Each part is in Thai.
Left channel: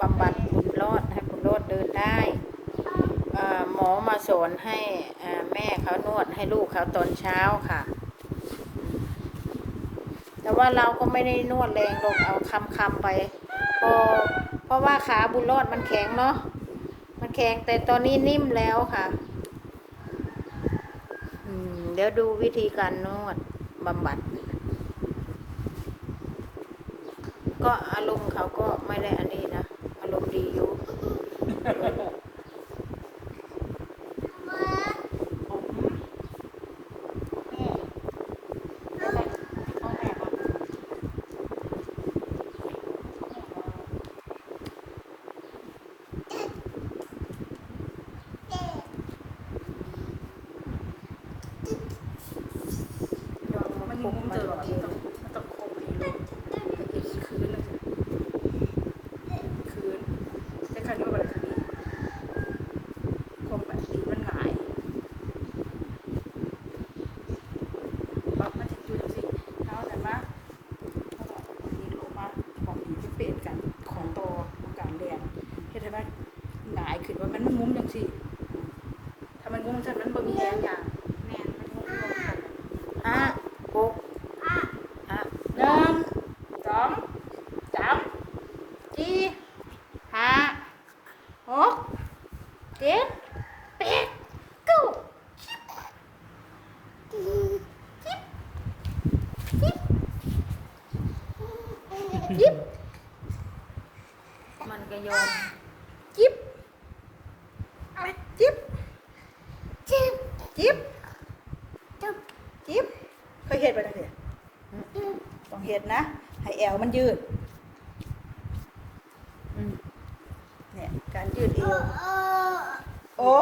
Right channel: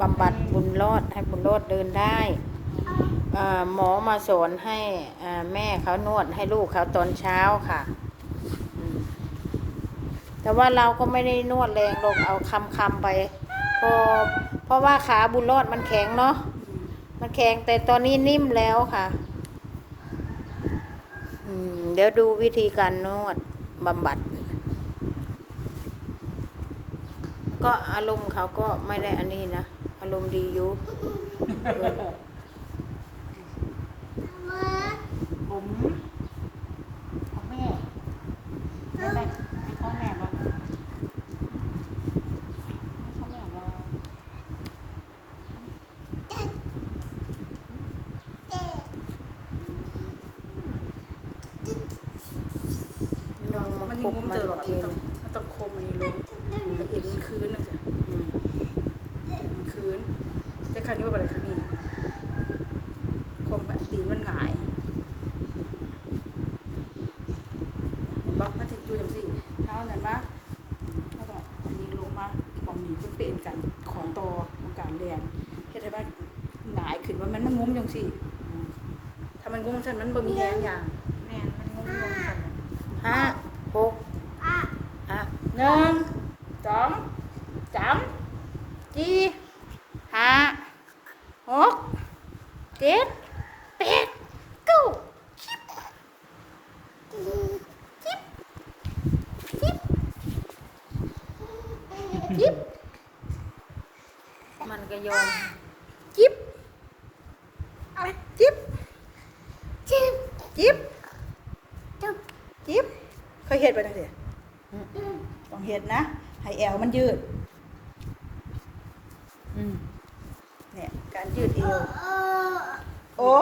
บำบัดบุญรอดให้บุญรอดเดินได้หมอมาสอนให้แม่เขานวดให้ลูกเขาตอนเช้าค่ะ แต่ว่าเราก็ไม่ได้นวดแรงลงเอาคำคำๆไปพอเพราะว่าขาบุญรอดมันแข็งเนาะมันแข็งแต่ตอนนี้นิ่มแล้วค่ะเดี๋ยวดูวิธีการนวดบำบัด ก็อารมณ์เขาก็ไม่ได้อันนี้นะ Palong Rio. ขึ้นว่ามันงุ้มจังสิถ้ามันงุ้มจังนั้นบ่มีแรงอย่างแม่มันงุ้มลงกันห้าหกอะหนึ่งสองสามสี่ห้าหกเจ็ดแปดเก้าสิบสิบสิบสิบ มันก็โยน จิ๊บ อะไรจิ๊บจิ๊บจิ๊บจิ๊บจิ๊บเคยเห็นไปตั้งแต่ต้องเห็นนะ ให้แอวมันยืดอืมเนี่ยการยืดเอวโอ้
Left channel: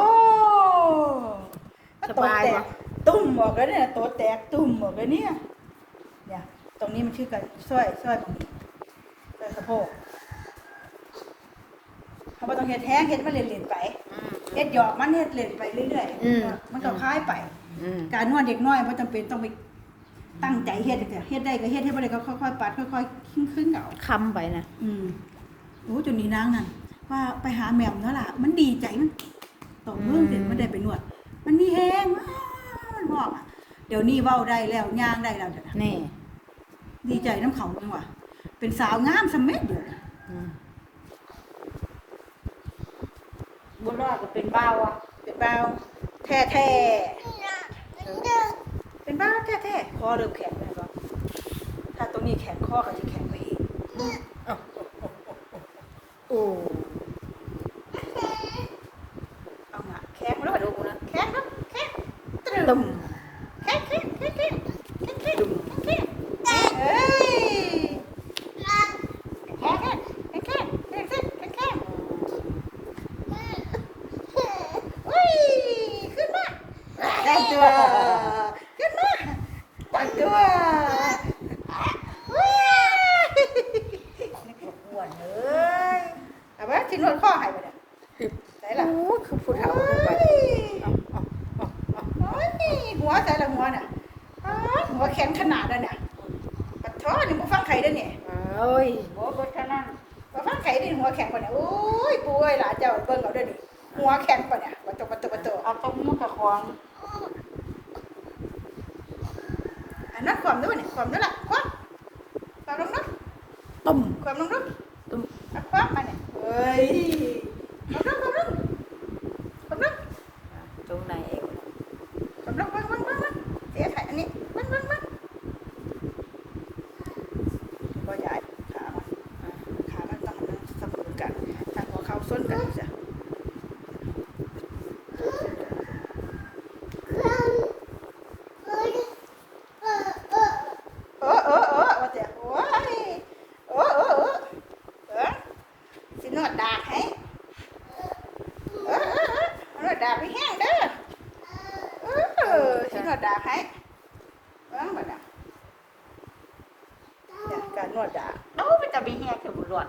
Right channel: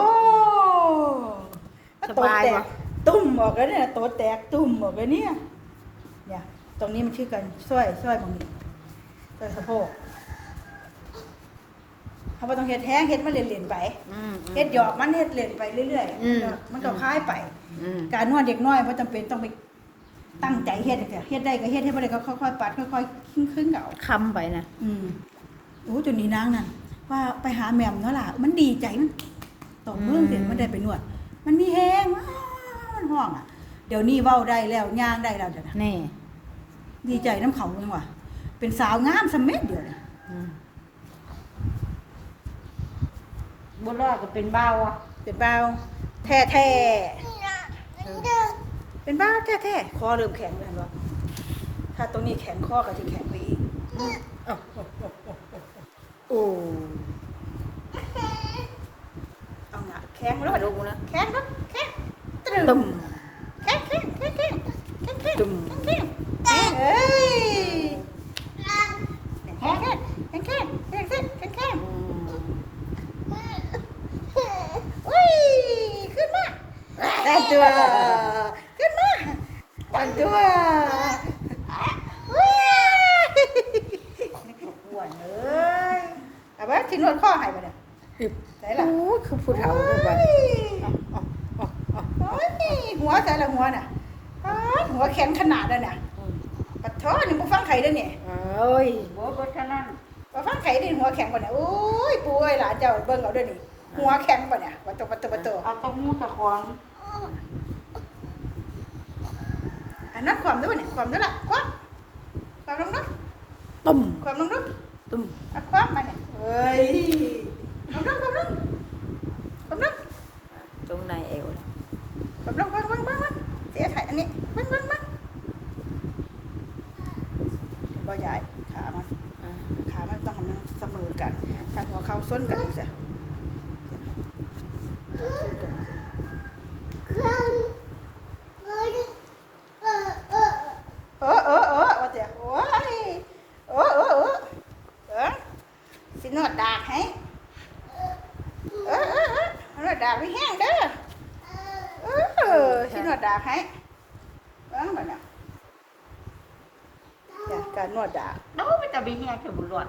สบายปะปะตุ่มออกแล้วเนี่ยตัวแตกตุ่มออกแล้วเนี่ยเนี่ย ตรงนี้มันชื่อกันสร้อยสร้อยตรงนี้สร้อยสะโพกเขา บ่ต้องเห็ดแห้งเห็ดมันเล่นๆไปอืมเฮ็ดหยอกมันเฮ็ดเล่นไปเรื่อยอืมๆมันก็คล้ายไปอืมการนวดเด็กน้อยบ่จำเป็นต้องไปตั้งใจเฮ็ดแต่เฮ็ดได้ก็เฮ็ดเฮ็ดบ่ได้ก็ค่อยๆปัดค่อยๆขึ้นๆเอาคำไปนะอืมโอ้จนนี้นางนั่นว่าไปหาแหม่มเนาะล่ะ มันดีใจมันตกเรื่องเด็กมันได้ไปนวด มันมีแฮงมันห้องอะเดี๋ยวนี้เว้าได้แล้วย่างได้แล้วเดี๋ยวนะนี่ดีใจน้ำเขาจังว่ะเป็นสาวงามสำเม็ดเดียวนี่อืม บุญรอดก็เป็นเบ้าอะเป็นบ่าวแท้ๆเป็นบ้าแท้ๆคอเริ่มแข็งแล้วบ่ถ้าตรงนี้แข็งคอก็จะแข็งไปอีกโอ้เอาหน่ะแข็งแล้วดูนะแข็งนะแข็งตรึตุ่มแข็งแข็งแข็งแข็งแข็งแข็ง ผู้เฒ่าไปโอ้ยหัวแต่ละหัวน่ะหัวแข็งขนาดนั้นน่ะปัดท้อนี่บ่ฟังไข่ได้เนี่ยเอ้ยหัวเบิดขนาดบ่ฟังไข่ได้หัวแข็งกว่าน่ะโอ้ยปูเอ้ยหลานเจ้าเบิ่งเอาเด้อนี่หัวแข็งกว่าน่ะปัดโตปัดโตปัดโตเอาต้องมือกับของอันนั้นความด้วยเนี่ยความด้วยล่ะความความลงนักตุ่มความลงนักตุ่มความมาเนี่ยเฮ้ยลงความลงความลง ตรงในเอวบังวัดวัดวัดวัดเจ๊ถ่ายอันนี้วัดวัดวัดบ่ยายขามันขามันต้องมันเสมอกันถ้าหัวเข่าส้นกันสินวดดากให้ ดดากไม่แห้งเด้อเออสินวดดากให้เออมาเนี่ยเนี่ยการนวดดากดูไปแต่บีเฮียถึงบุญรอด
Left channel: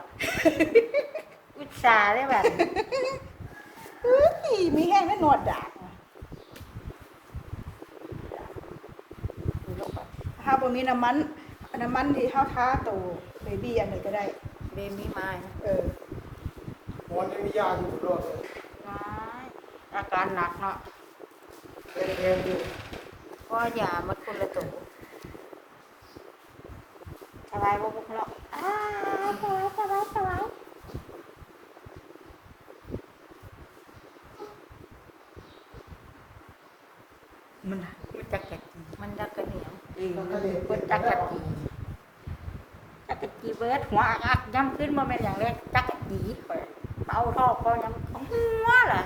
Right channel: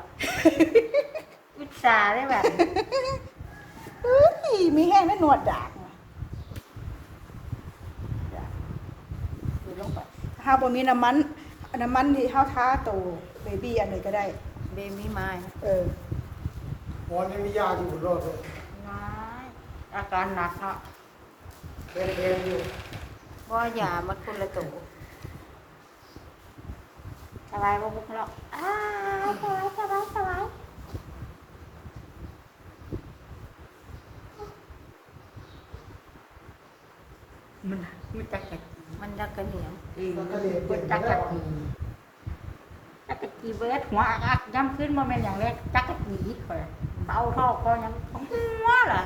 วิชาได้แบบเฮ้ยมีแห้งไม่หนวดดากนะนี่ลงไปถ้าบ่มีน้ำมันน้ำมันที่เท้าท้าโตเบบี้อันไหนก็ได้ เบมี่ไม้เออหมอนยังมียาอยู่รอดเลยอา การหนักเนาะแข็งแรงอยู่ว่าอย่ามันคนละตัวสบายบ่พวกเราอ้าวสบายสบายสบายมันมันจักจักมันยักกระเหนียวมันก็เลยเป็นจักแล้จัวกจักจักกี่เบิดหัวอักย่ำขึ้นมาเป็นอย่างแรกจักจักกี่ข่อยเบาเท่าก็ยังหัวล่ะ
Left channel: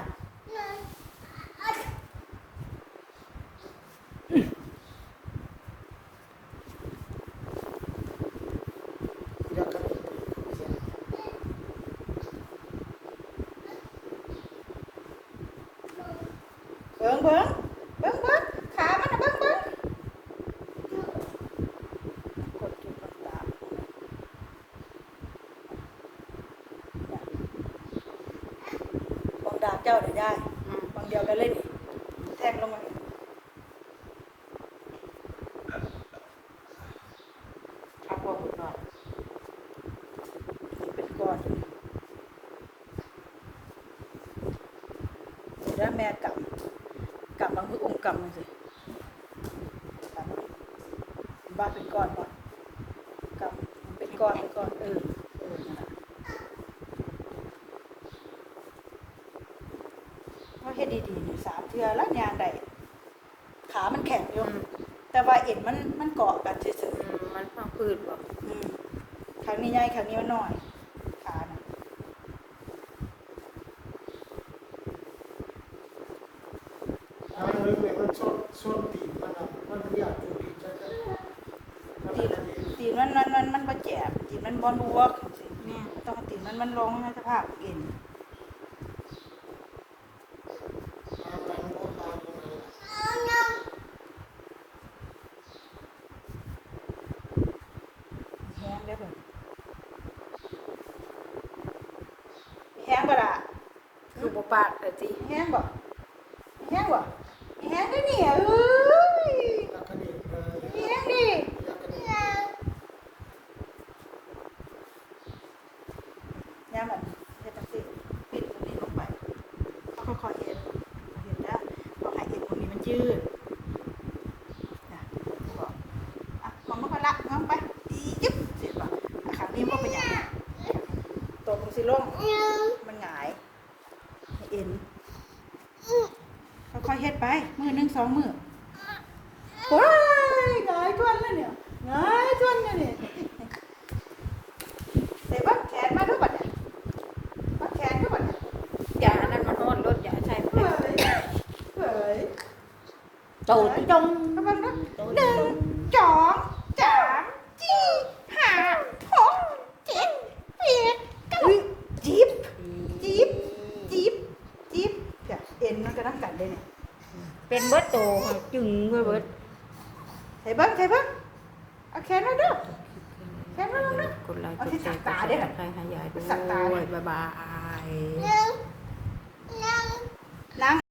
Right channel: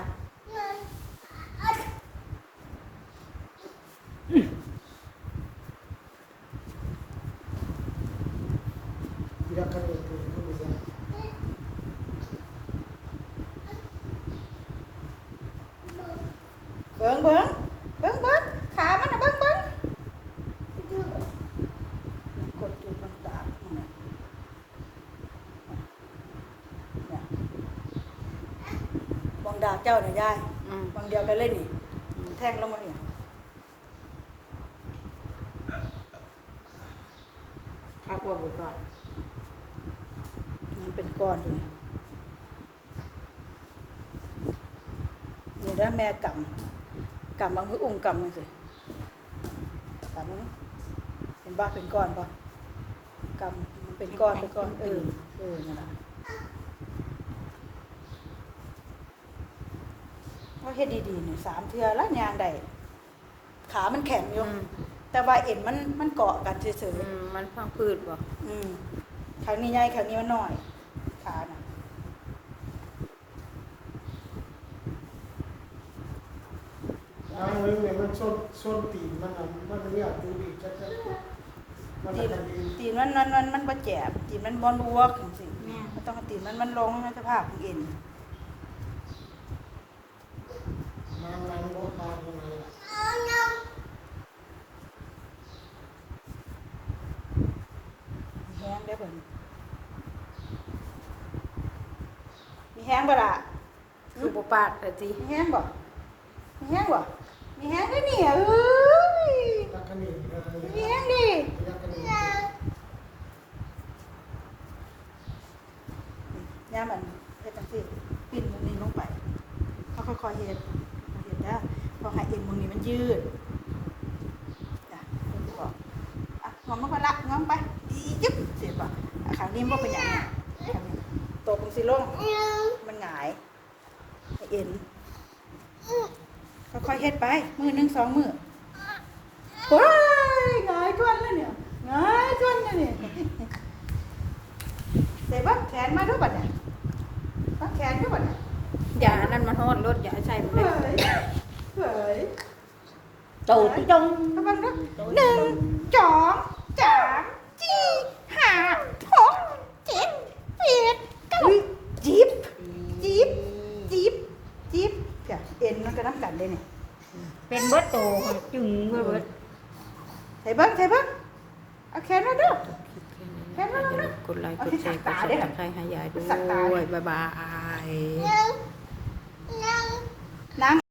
ยักษ์กันเอง เบิ้งเบิ้งเบิ้งเบิ้งขามันน่ะเบิ้งเบิ้งกดจุดต่าง ๆบองดาบเจ้าน่ะยายอืมบางเดียวก็เล่นนี่แทงลงมานี่เอาพวกบุตรก่อนนี่เป็นก้อนอยู่นี่นี่ได้แม่กำกำบางมือองค์กำนั่นสิกำมันเป็นบ้าเป็นก้อนบ้ากำมันเป็นก้อนเป็นก้อนเออเออนั่นน่ะว่า เฮ็ดดีๆนี่สามเทือแล้วยางใดขามันแข็งอยู่อืมแต่ว่าเอ็นมันมันเกาะกันเฉยอืมมันพังพืชบ่ๆอืมครั้งนี้ใหญ่ครั้งนี้น้อยขาน่ะทางนึงเนี่ยมันส้นส้นตีนมันอะมันเรียกตัวอีกจักมันตีนจะดีตีนมันมันมันมันบ่แจบตีนมันบ่ลวกจังซี่มันต้องเอาตีนมันมันลงให้สภาพเอ็นน้ำล้างรถตายตรงไหน แห้ง ได้อเพิ่นมีแห้งบ่ล่ะคือบ่ปาดเลยสิมีแห้งบ่มีแห้งบ่มีแห้งได้นี่เอ้ยยักษ์กันเองเออมีแห้งดิยักษ์กันเองย่ามันเฮ็ดจังซี่ปิดมุมนี้ลงไปเขาค่อยๆเฮ็ดเฮ็ดได้พอให้เอ็นมุมนี้มันยืดนะบอกอะงอมมาพอละงอมไปอีจึ๊บเสี ยบ่อะขานี้บ่เป็นหยังตกลงสิลงมันหงายให้เอ็นค่อยๆเฮ็ดไป มือหนึงสองมือเฮ้ยหงายก้นแล้วเนี่ยหงายก้นแล้วเนี่ยเสร็จบ่แขนมาด้วยบ่เนี่ยบ่แขนด้วยบ่เนี่ยอย่าอันนั้นมันฮ้อนรถอย่าใช้มันเฮ้ได้ยเฮ้ยตูดจงกำลังนึกหนึ่งสองสามสี่ห้าหกเจ็ดแปดเก้าจีบจีบจีบจีบจ้ะเอ็ นมันก็น้ำกันเลยเนี่ยเป็นเบิดโตจึงเบิดเบิดใส่เบิ้งใส่เบิ้งเอาแขนไว้ด้วยแขนไว้ด้วยกดไลค์กดแชร์กดติดตามให้ยายด้วยบ๊ายบายนั่ง